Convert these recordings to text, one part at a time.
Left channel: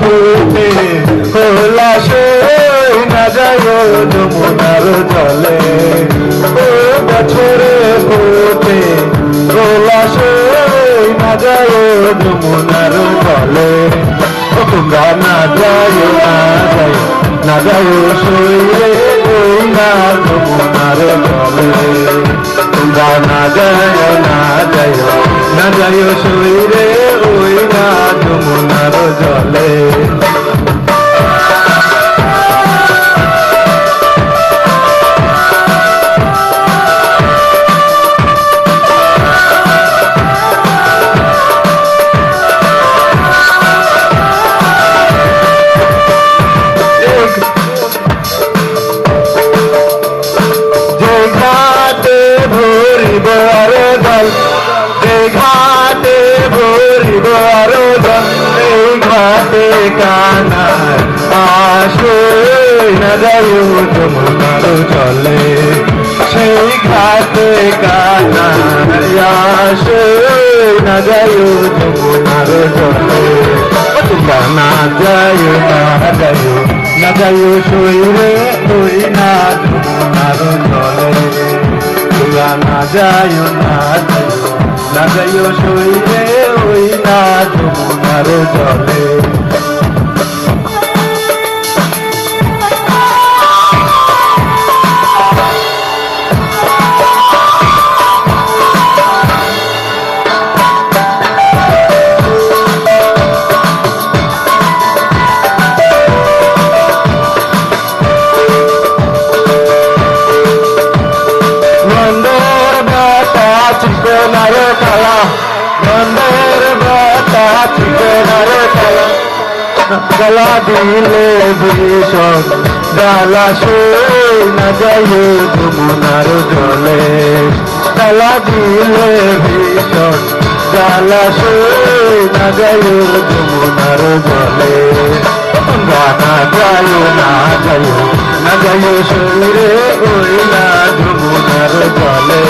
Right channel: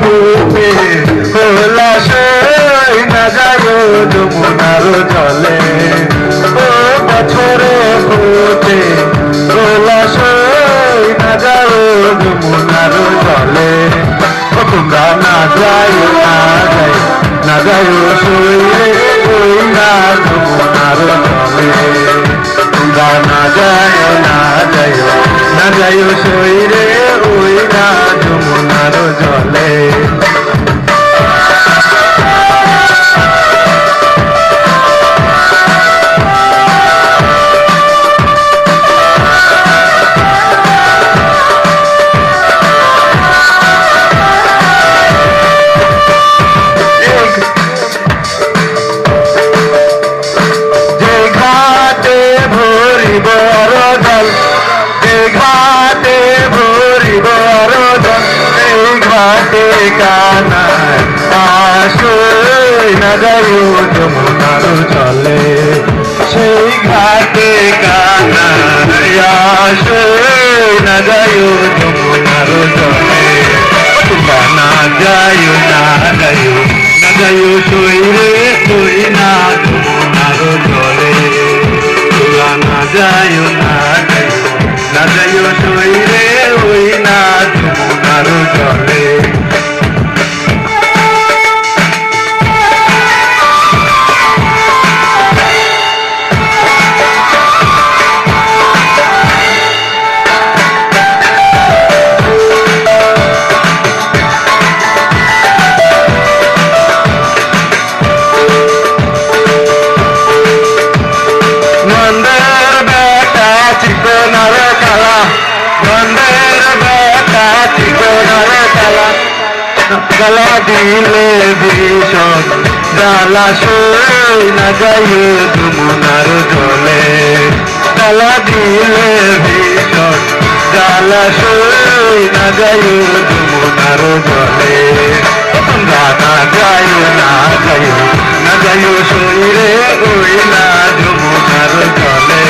ফুটে খোলা সেই না যায় যমুনার জলে ও বছরে ফুটে খোলা সেই না যায় যমুনার জলে ও তোমরা না যায় না যায় সইরে ওই না যমুনার জলে তোমরা না যায় সইরে ওই না যমুনার জলে কানায় আসই না যায় যমুনার জলে সেই ঘাটে কানায় আসই না যায় যমুনার জলে তোমরা না যায় সইরে ওই না যমুনার জলে তোমরা না যায় সইরে ওই না যমুনার জলে গলা দিলে ভীষণ জ্বালা সই না যায় যমুনার জলে গলা দিলে ভীষণ জ্বালা সই না যায় যমুনার জলে তোমরা না যায় সইরে ওই না যমুনার জলে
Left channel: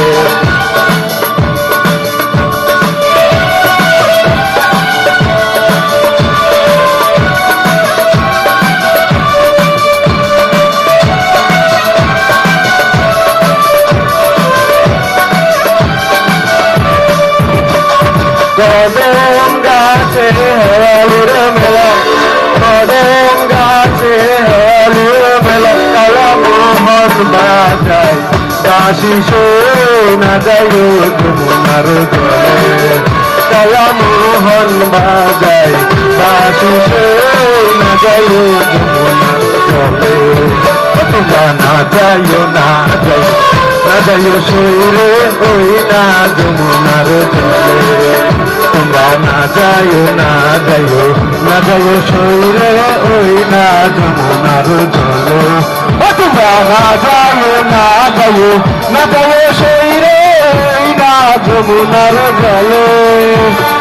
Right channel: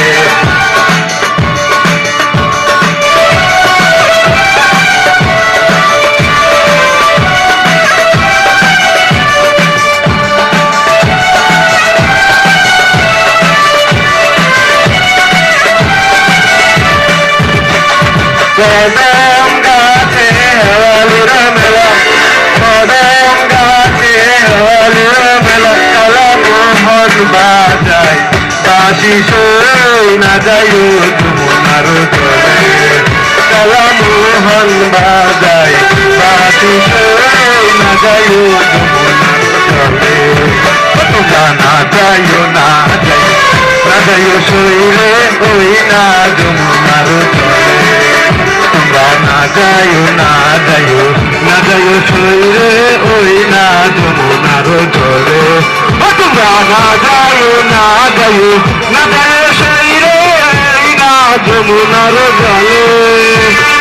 কদম গাছে হেওয়ালির মেলা কদম গাছে হেওয়ালির মেলা কালা মোহন বাজায় বাঁশি সই না যায় যমুনার জলে কালা মোহন বাজায় বাঁশি সই না যায় যমুনার জলে তোমরা না যায় সইরে ওই না যমুনার জলে তোমরা না যায় সইরে ওই না যমুনার জলে তোমরা না যায় সইরে ওই না যমুনার জলে